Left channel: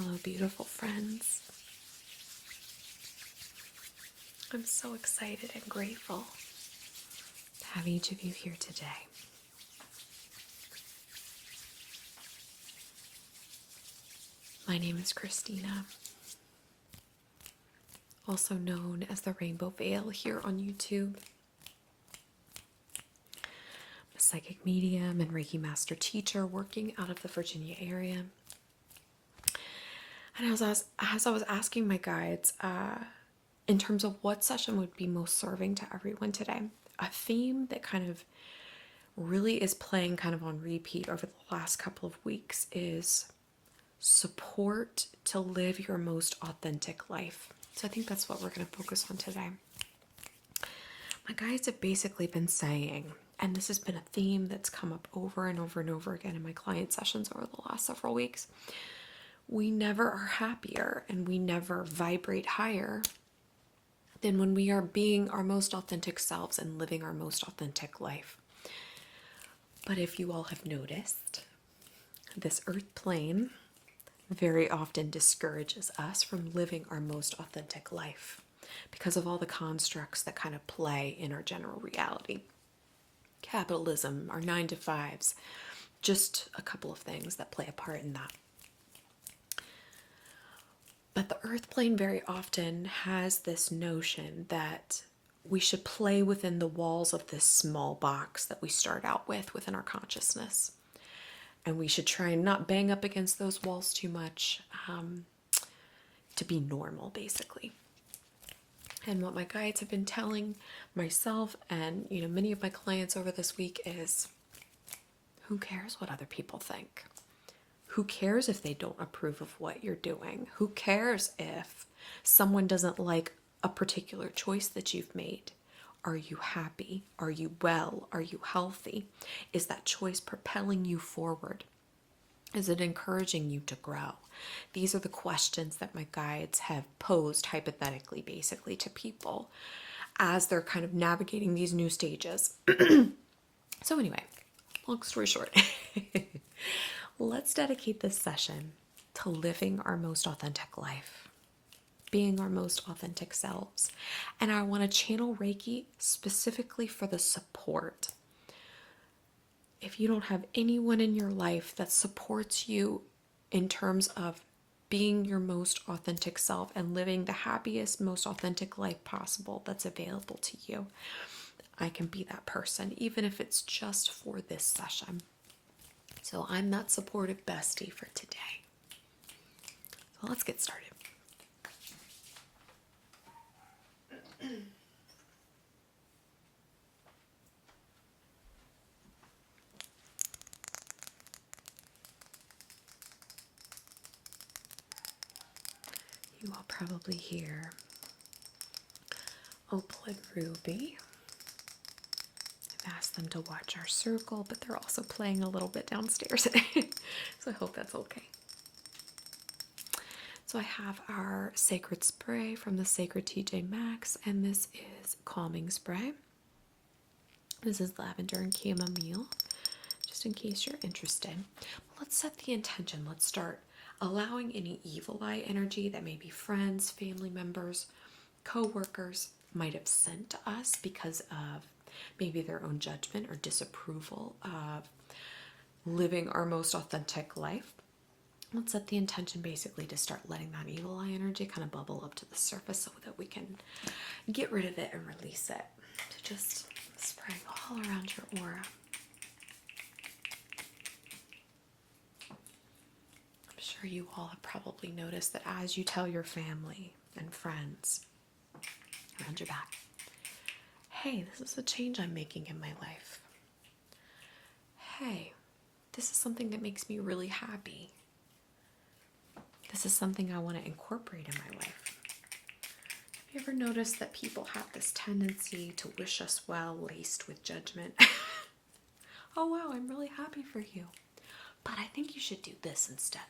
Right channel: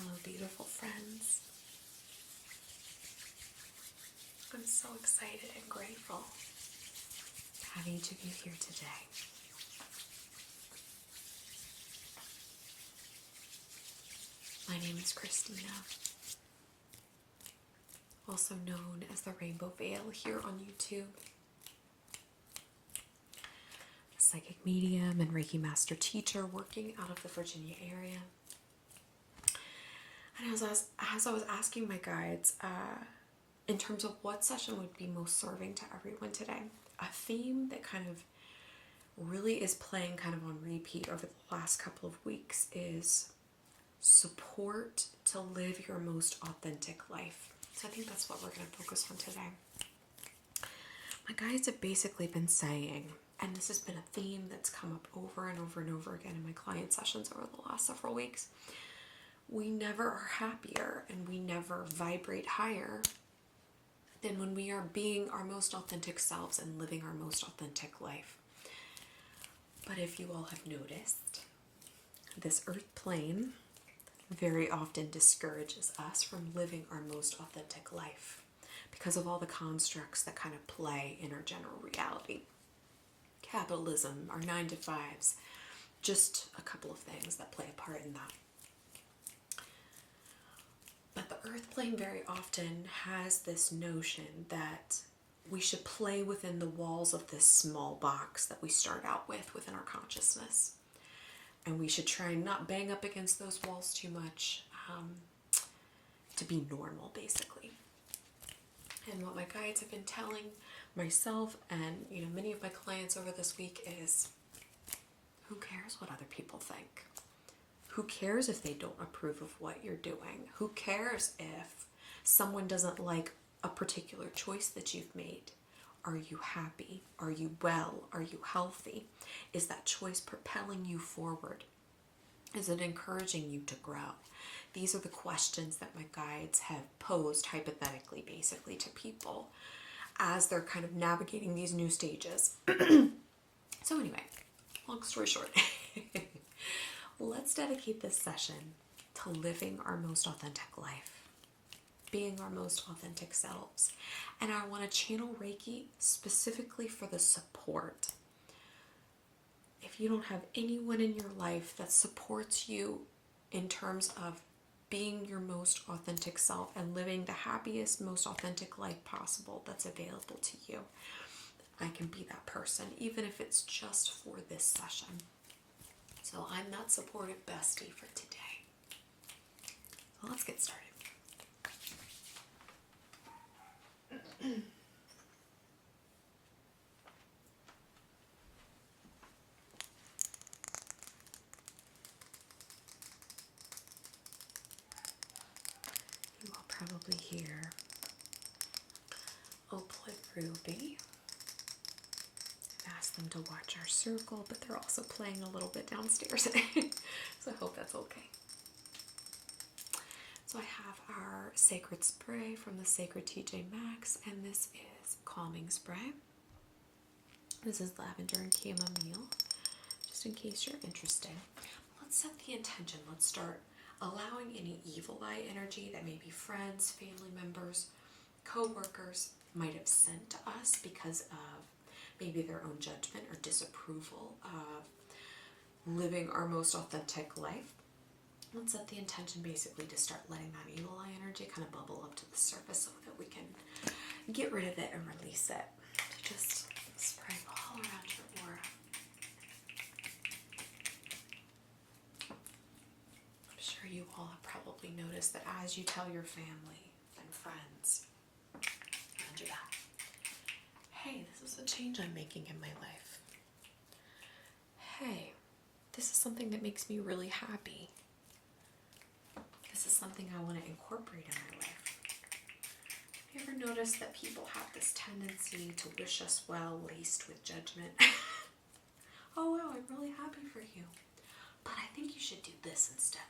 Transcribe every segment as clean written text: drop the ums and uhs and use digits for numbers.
Hello, beautiful friends. I'm so excited and grateful to have each of you here today. My name is Christina, also known as the Rainbow Veil here on YouTube. I'm a psychic medium and Reiki master teacher working out of the Virginia area. And as I was asking my guides, in terms of what session would be most serving to everyone today, a theme that kind of really is playing kind of on repeat over the last couple of weeks is support to live your most authentic life. So I think that's what we're going to focus on today. My guides have basically been saying, and this has been a theme that's come up over and over and over again in my client sessions over the last several weeks. We never are happier and we never vibrate higher than when we are being our most authentic selves and living our most authentic life. But if you all have noticed, this earth plane very often discourages us from living our most authentic life because of all the constructs that kind of play in our general reality. Capitalism, our 9-to-5s, just a couple of things that play a part in that. But the earth plane very often has this notion that we should play within the walls of this small box that we start out with within our consciousness. And we should try and not bang up against those walls too much to be normal, basically. And what my guides have been telling myself and many of my clients over this week is, who cares what other people think? Who cares if they don't approve of what you're doing? Who cares if someone doesn't like a particular choice that you've made? Are you happy? Are you well? Are you healthy? Is that choice propelling you forward? Is it encouraging you to grow? These are the questions that my guides have posed hypothetically, basically, to people as they're kind of navigating these new stages. So anyway, long story short, let's dedicate this session to living our most authentic life, being our most authentic selves. And I want to channel Reiki specifically for the support. If you don't have anyone in your life that supports you in terms of being your most authentic self and living the happiest, most authentic life possible that's available to you, I can be that person, even if it's just for this session. So I'm that supportive bestie for today. So let's get started. You will probably hear Opal and Ruby. I've asked them to watch our circle, but they're also playing a little bit downstairs today. So I hope that's okay. So I have our Sacred Spray from the Sacred TJ Maxx, and this is Calming Spray. This is lavender and chamomile, just in case you're interested. Let's set the intention. Let's start allowing any evil eye energy that maybe friends, family members, co-workers might have sent to us because of maybe their own judgment or disapproval of living our most authentic life. Let's set the intention basically to start letting that evil eye energy kind of bubble up to the surface so that we can get rid of it and release it. So just spray all around your aura. I'm sure you all have probably noticed that as you tell your family and friends around your back, hey, this is a change I'm making in my life. Hey, this is something that makes me really happy. This is something I want to incorporate in my life. You ever notice that people have this tendency to wish us well laced with judgment? Oh wow, I'm really happy for you, but I think you should do this instead.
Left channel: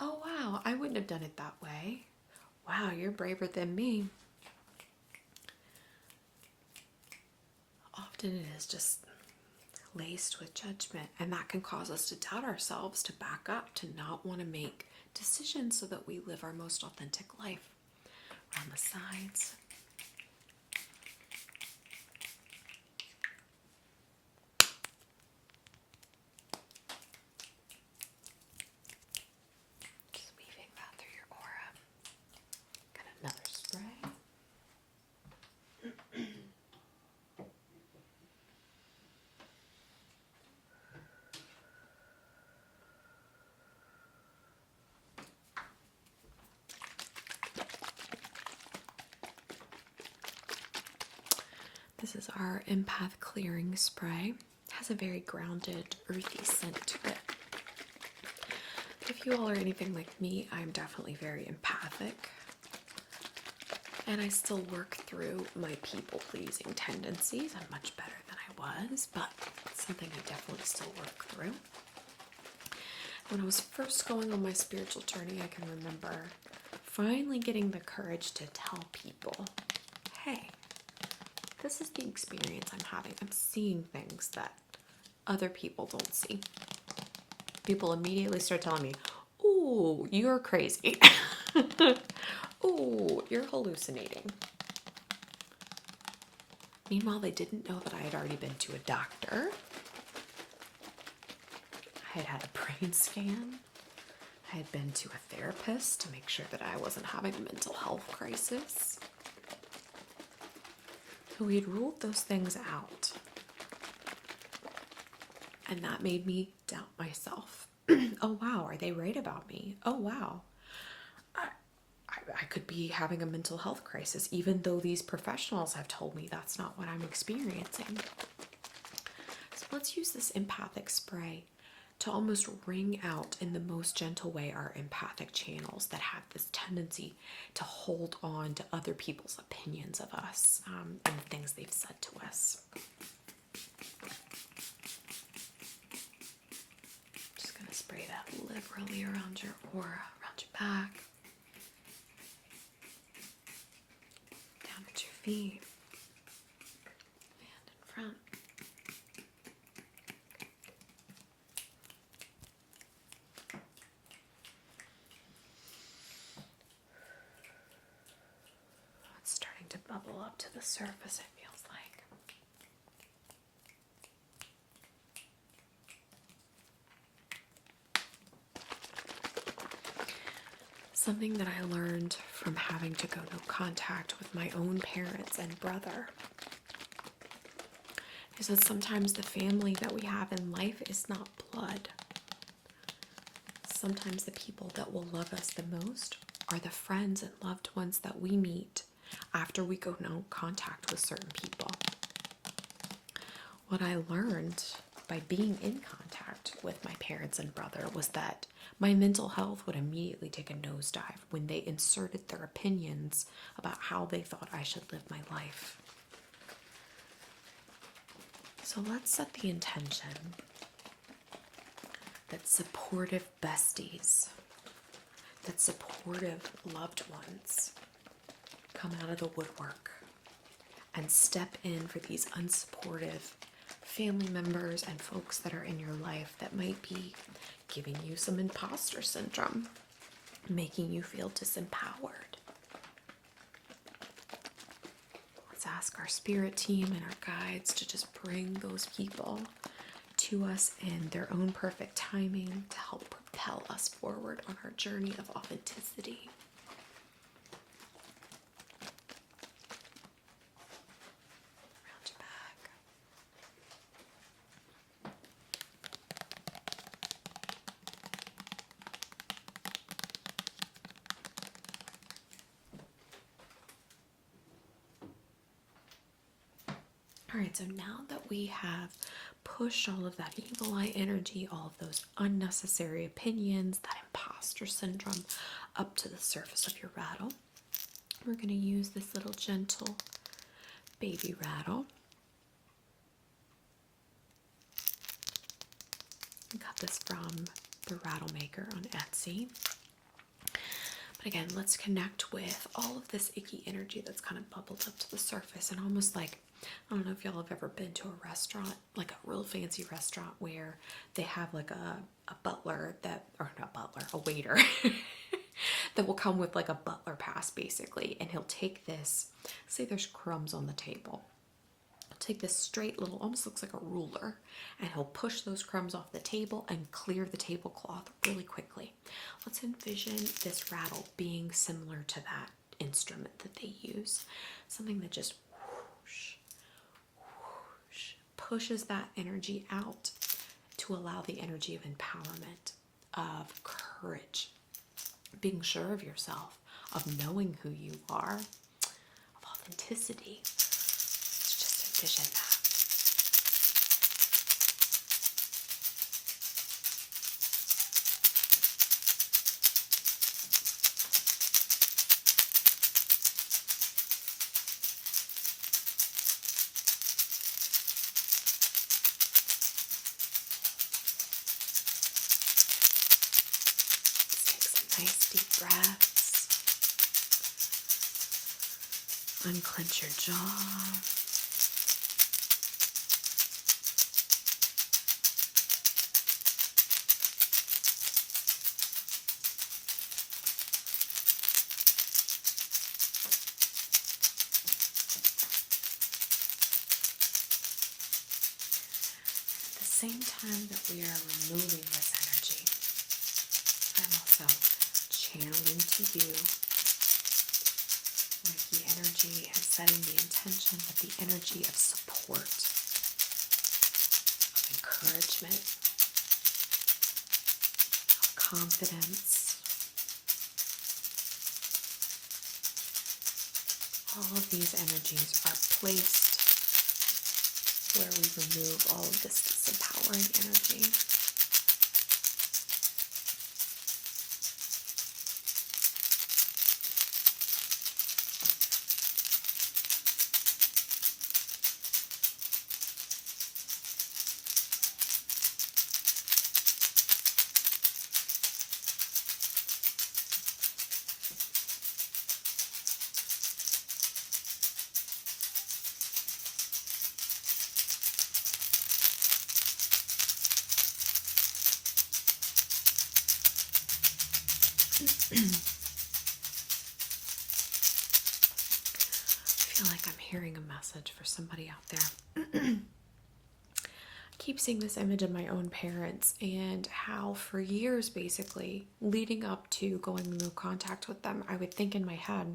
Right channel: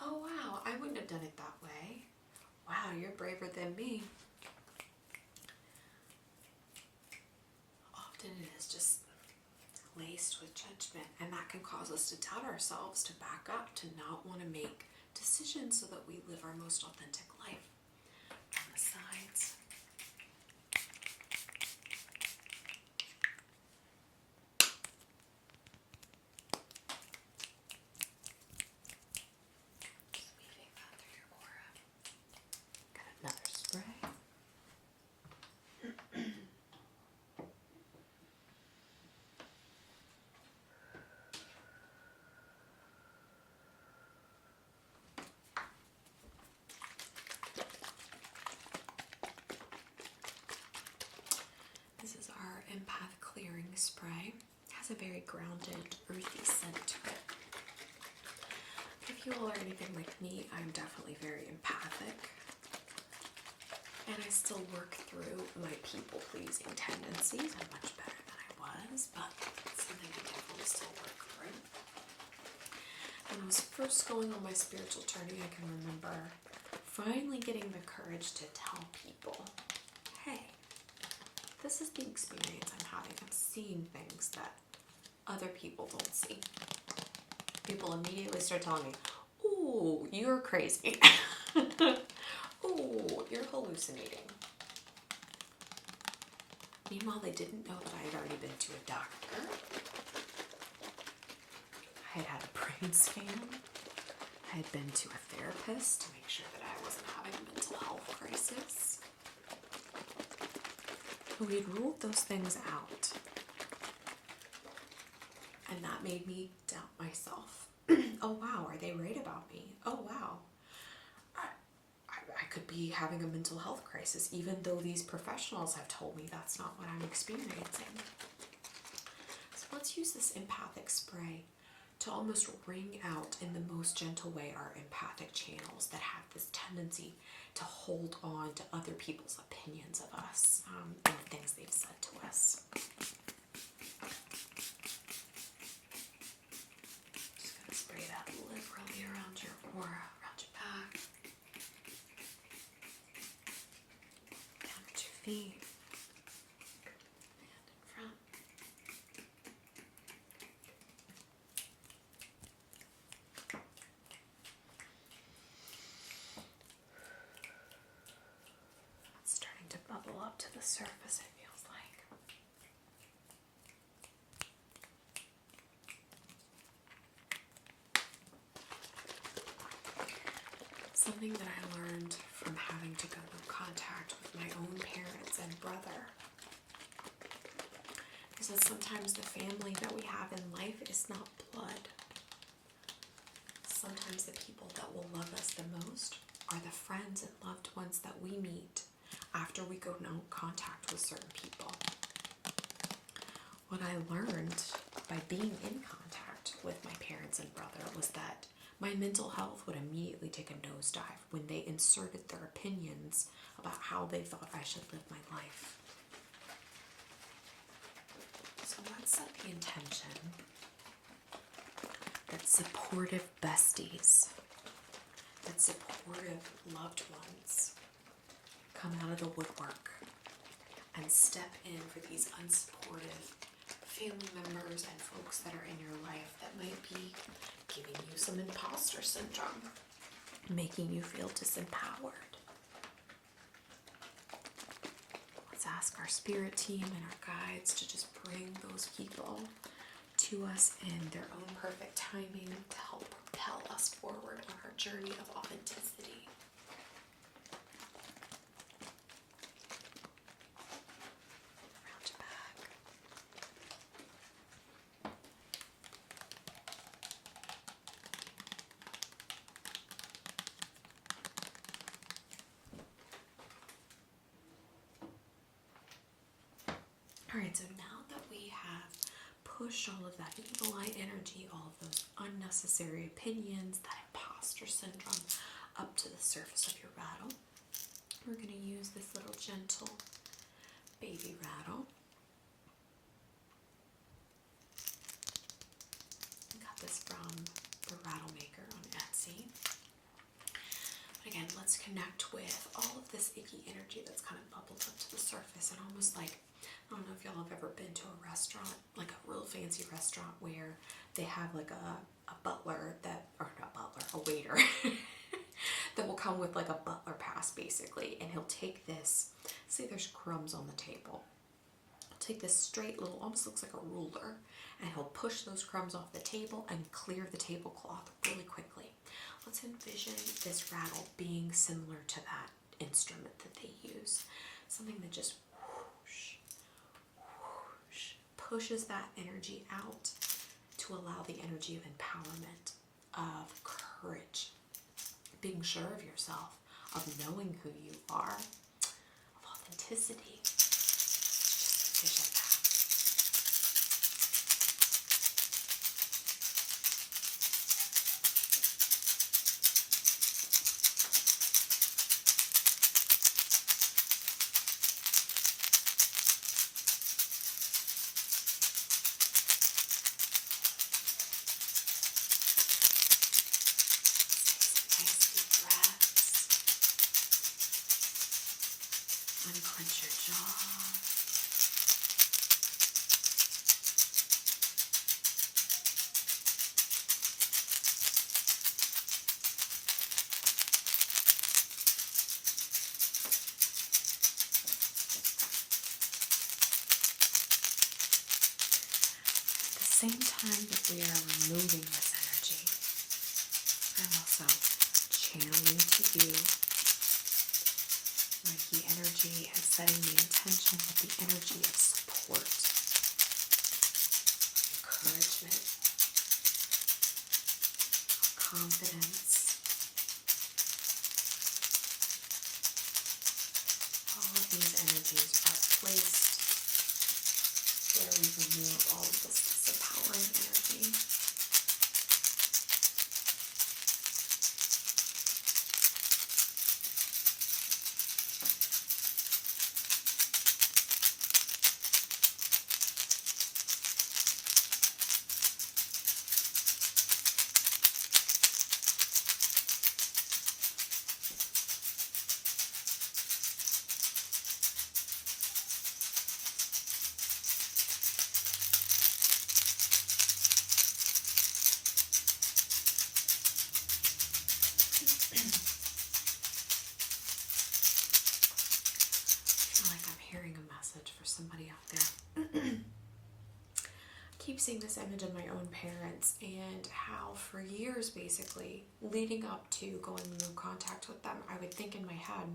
Oh wow, I wouldn't have done it that way. Wow, you're braver than me. Often it is just laced with judgment, and that can cause us to doubt ourselves, to back up, to not want to make decisions so that we live our most authentic life. On the sides. Just weaving that through your aura. Got another spray. This is our empath clearing spray. It has a very grounded, earthy scent to it. If you all are anything like me, I'm definitely very empathic. And I still work through my people-pleasing tendencies. I'm much better than I was, but it's something I definitely still work through. When I was first going on my spiritual journey, I can remember finally getting the courage to tell people, hey, this is the experience I'm having. I'm seeing things that other people don't see. People immediately start telling me, ooh, you're crazy. Ooh, you're hallucinating. Meanwhile, they didn't know that I had already been to a doctor. I had had a brain scan. I had been to a therapist to make sure that I wasn't having a mental health crisis. We had ruled those things out. And that made me doubt myself. Oh wow, are they right about me? Oh wow. I could be having a mental health crisis, even though these professionals have told me that's not what I'm experiencing. So let's use this empathic spray to almost wring out in the most gentle way our empathic channels that have this tendency to hold on to other people's opinions of us and things they've said to us. Just going to spray that liberally around your aura, around your back. Feet and in front. It's starting to bubble up to the surface, it feels like. Something that I learned from having to go to contact with my own parents and brother is that sometimes the family that we have in life is not blood. Sometimes the people that will love us the most are the friends and loved ones that we meet after we go no contact with certain people. What I learned by being in contact with my parents and brother was that my mental health would immediately take a nosedive when they inserted their opinions about how they thought I should live my life. So let's set the intention that supportive besties, that supportive loved ones come out of the woodwork and step in for these unsupportive family members and folks that are in your life that might be giving you some imposter syndrome, making you feel disempowered. Let's ask our spirit team and our guides to just bring those people to us in their own perfect timing to help propel us forward on our journey of authenticity. Around your back. Alright, so now that we have pushed all of that evil eye energy, all of those unnecessary opinions, that imposter syndrome up to the surface of your rattle, we're going to use this little gentle baby rattle. I got this from the Rattle Maker on Etsy. But again, let's connect with all of this icky energy that's kind of bubbled up to the surface and almost like I don't know if y'all have ever been to a restaurant, like a real fancy restaurant where they have like a butler that, or not butler, a waiter that will come with like a butler pass basically, and he'll take this, say there's crumbs on the table. He'll take this straight little, almost looks like a ruler, and he'll push those crumbs off the table and clear the tablecloth really quickly. Let's envision this rattle being similar to that instrument that they use. Something that just whoosh, whoosh, pushes that energy out to allow the energy of empowerment, of courage, being sure of yourself, of knowing who you are, of authenticity. Just envision that. Nice deep breaths. Unclench your jaw. At the same time that we are removing this energy, I'm also channeling to you Reiki energy and setting the intention of the energy of support, encouragement, confidence. All of these energies are placed where we remove all of this disempowering energy. I feel like I'm hearing a message for somebody out there. I keep seeing this image of my own parents and how for years basically leading up to going no contact with them, I would think in my head,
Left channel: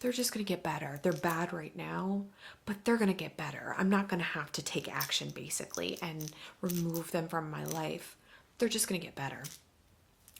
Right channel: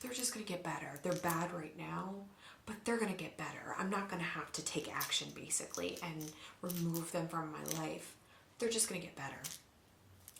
they're just going to get better. They're bad right now, but they're going to get better. I'm not going to have to take action basically and remove them from my life. They're just going to get better.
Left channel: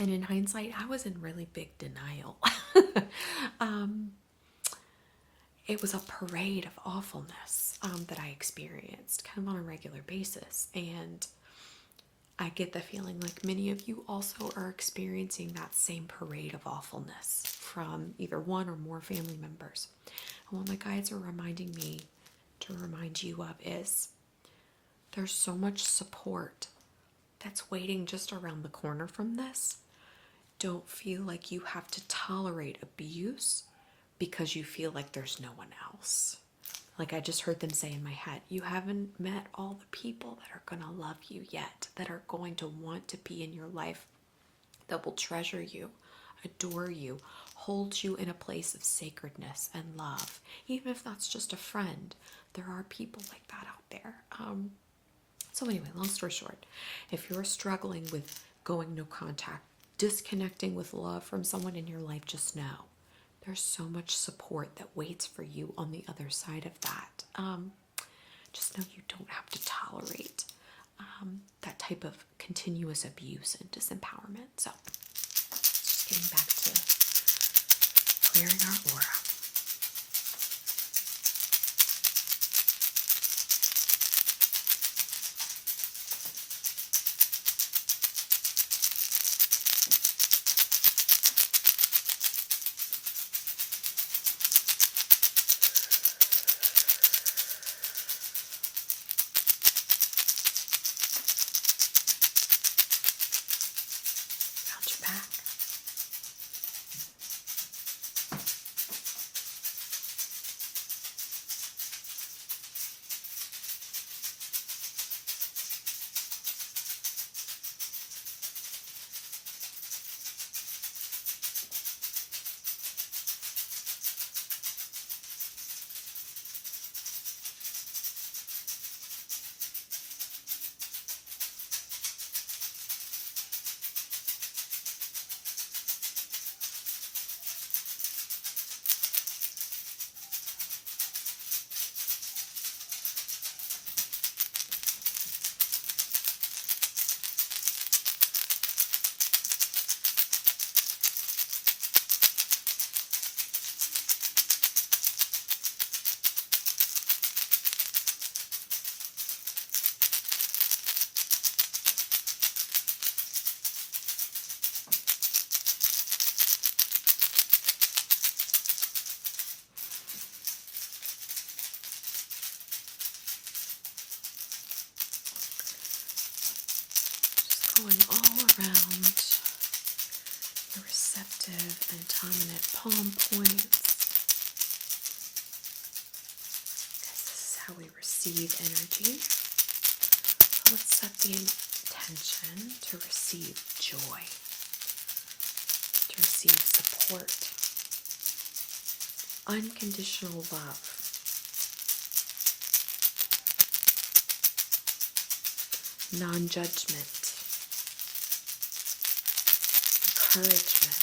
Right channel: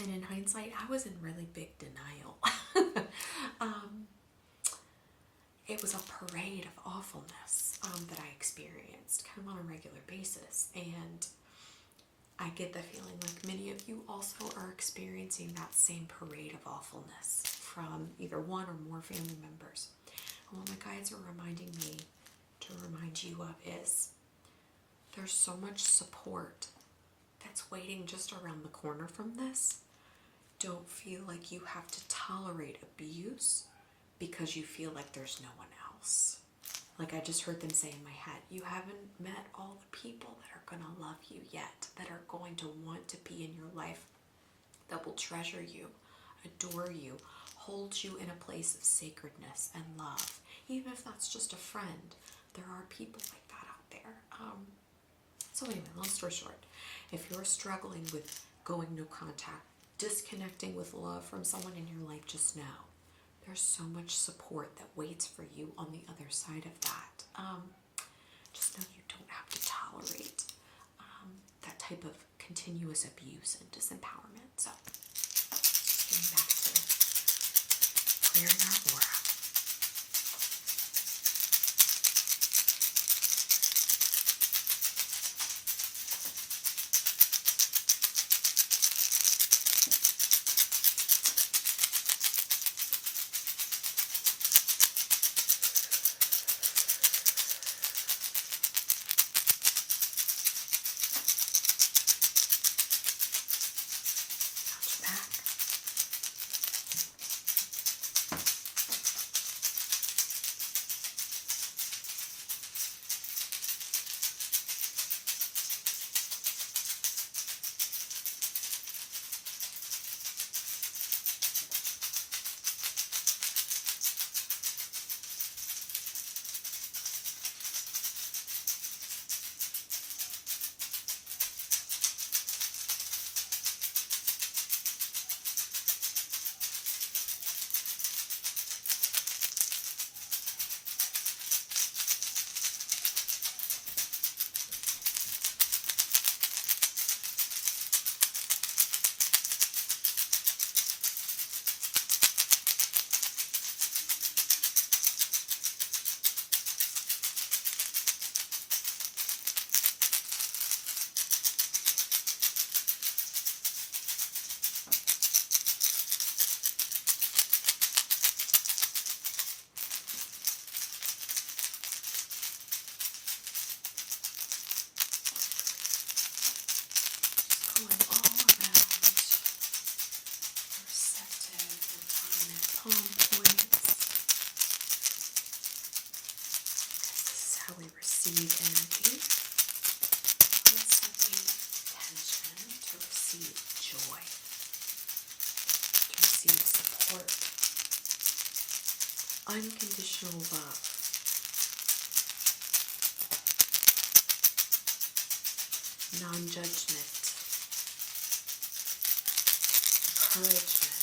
And in hindsight, I was in really big denial. It was a parade of awfulness that I experienced kind of on a regular basis. And I get the feeling like many of you also are experiencing that same parade of awfulness from either one or more family members. And what my guides are reminding me to remind you of is there's so much support that's waiting just around the corner from this. Don't feel like you have to tolerate abuse because you feel like there's no one else. Like I just heard them say in my head, you haven't met all the people that are going to love you yet, that are going to want to be in your life, that will treasure you, adore you, hold you in a place of sacredness and love. Even if that's just a friend, there are people like that out there. So anyway, long story short, if you're struggling with going no contact, disconnecting with love from someone in your life, just know there's so much support that waits for you on the other side of that. Just know you don't have to tolerate that type of continuous abuse and disempowerment. So, just getting back to clearing our aura. prominent palm points. This is how we receive energy. Let's set the intention to receive joy, to receive support, unconditional love, non-judgment, encouragement,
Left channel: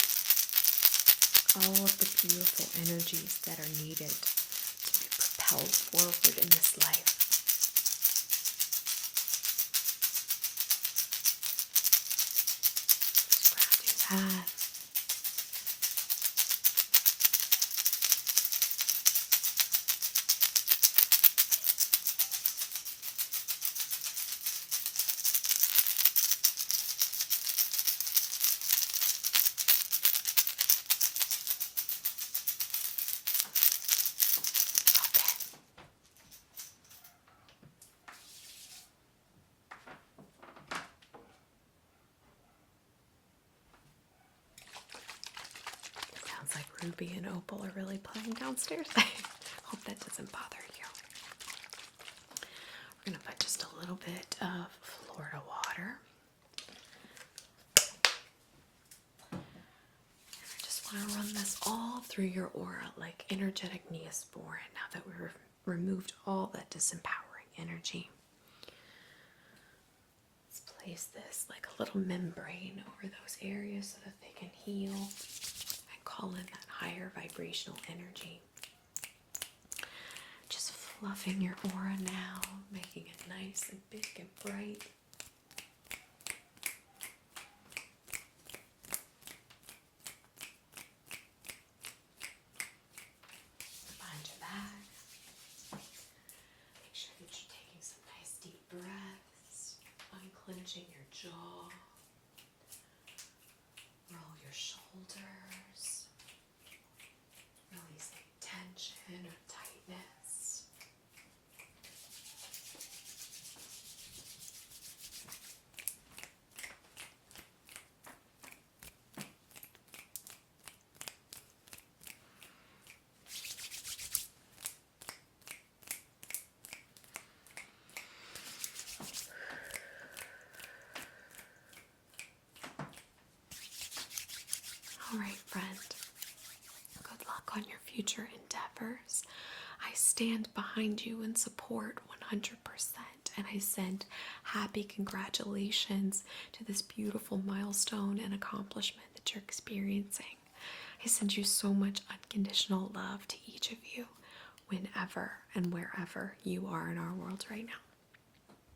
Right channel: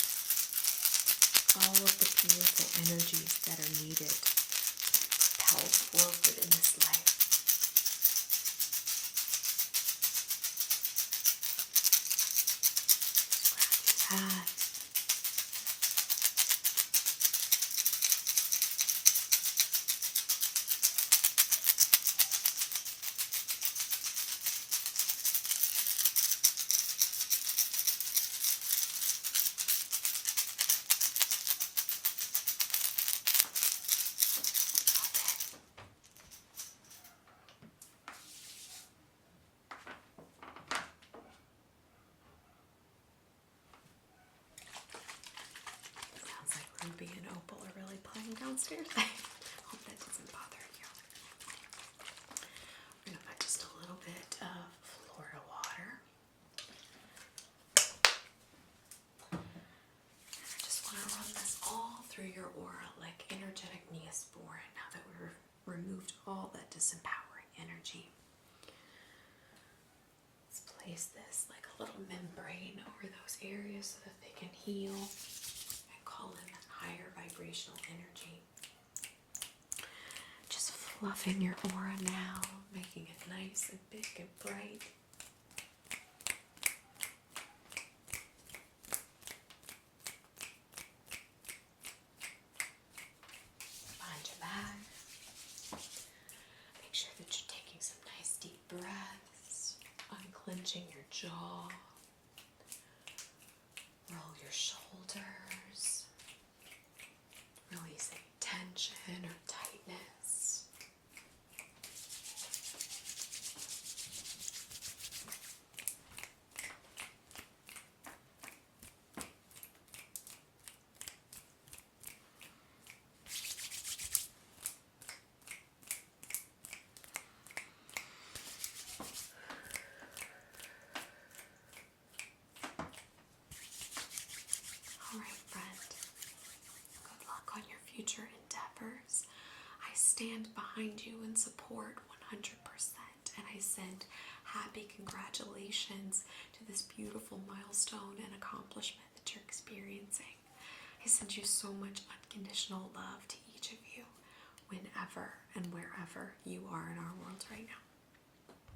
all of the beautiful energies that are needed to be propelled forward in this life. Sounds like Ruby and Opal are really playing downstairs. I hope that doesn't bother you. We're going to put just a little bit of Florida water. I just want to run this all through your aura like energetic Neosporin now that we've removed all that disempowering energy. Let's place this like a little membrane over those areas so that they can heal and call in that higher vibrational energy. Just fluffing your aura now, making it nice and big and bright. Behind your back. Make sure that you're taking some nice deep breaths, unclenching your jaw. Roll your shoulders, releasing tension or tightness. All right, friend. Good luck on your future endeavors. I stand behind you and support 100%, and I send happy congratulations to this beautiful milestone and accomplishment that you're experiencing. I send you so much unconditional love to each of you, whenever and wherever you are in our world right now.